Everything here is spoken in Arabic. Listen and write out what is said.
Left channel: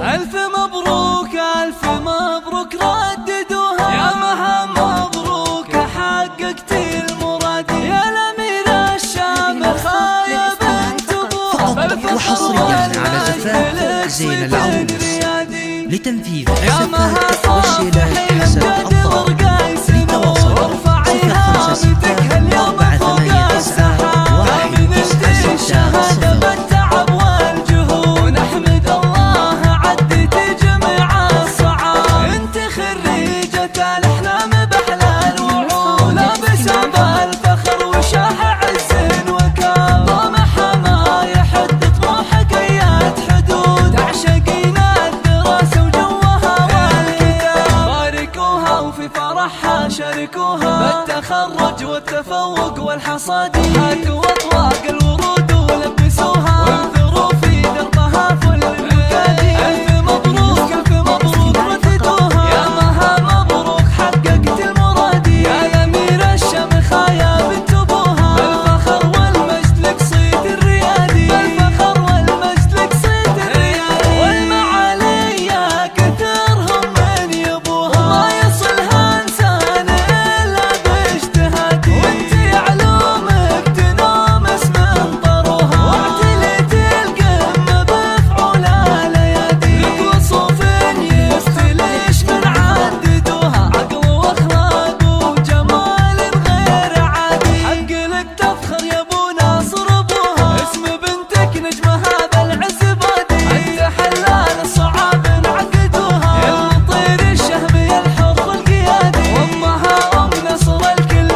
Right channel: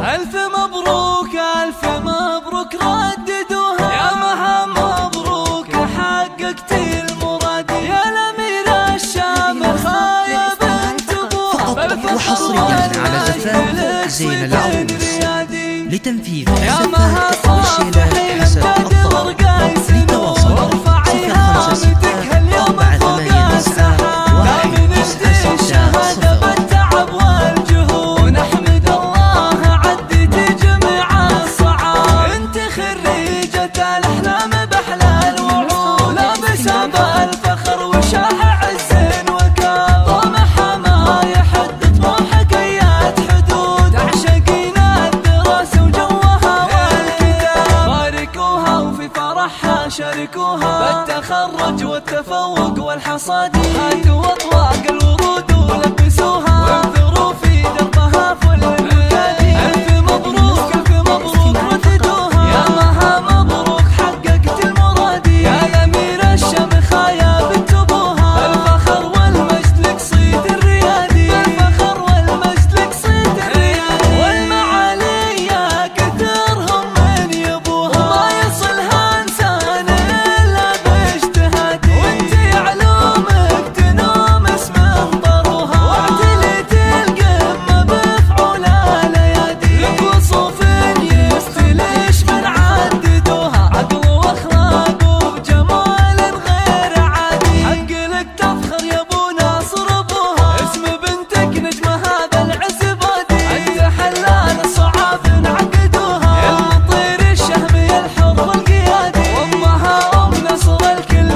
ألف مبروك ألف مبروك رددوها، يا مها مبروك حققت المراد، يا الأميرة الشامخة يا بنت أبوها. فقط وحصريا على زفاف زين العروس لتنفيذ الزفاف والشيلات حسب الطلب. للتواصل 056-489-196. بالتعب والجهود ونحمد الله عدت جميع الصعاب. انت خريجة الأحلام بأحلى الوعود، لابسة بالفخر وشاح عز وكاب، طموحها ما يحد طموحك ايات حدود، تعشقين الدراسة وجوها والكتاب. باركوها وفي فرحها شاركوها، بالتخرج والتفوق والحصاد، هاتوا أطواق الورود ولبسوها، وانثروا في دربها فل المكادي. ألف مبروك ألف مبروك رددوها، يا مها مبروك حققت المراد، يا الأميرة الشامخة يا بنت أبوها. بالفخر والمجد لك صيت الريادي، بالفخر والمجد لك صيت الريادي، والمعالي يا كثرهم من يبوها، وما يصلها إنسان إلا باجتهادي، وانتي علومك تنومس من طروها، واعتليت القمة بفعول الأيادي، لك وصوف يفتلش من عددوها، عقل واخلاق وجمال غير عادي، حق لك تفخر يا ابو ناصر ابوها، اسم بنتك نجمها بالعز بادي، انت حلال الصعاب انعقدوها، يا المطير الشهم يا الحر القيادي، وامها ام نصر الكل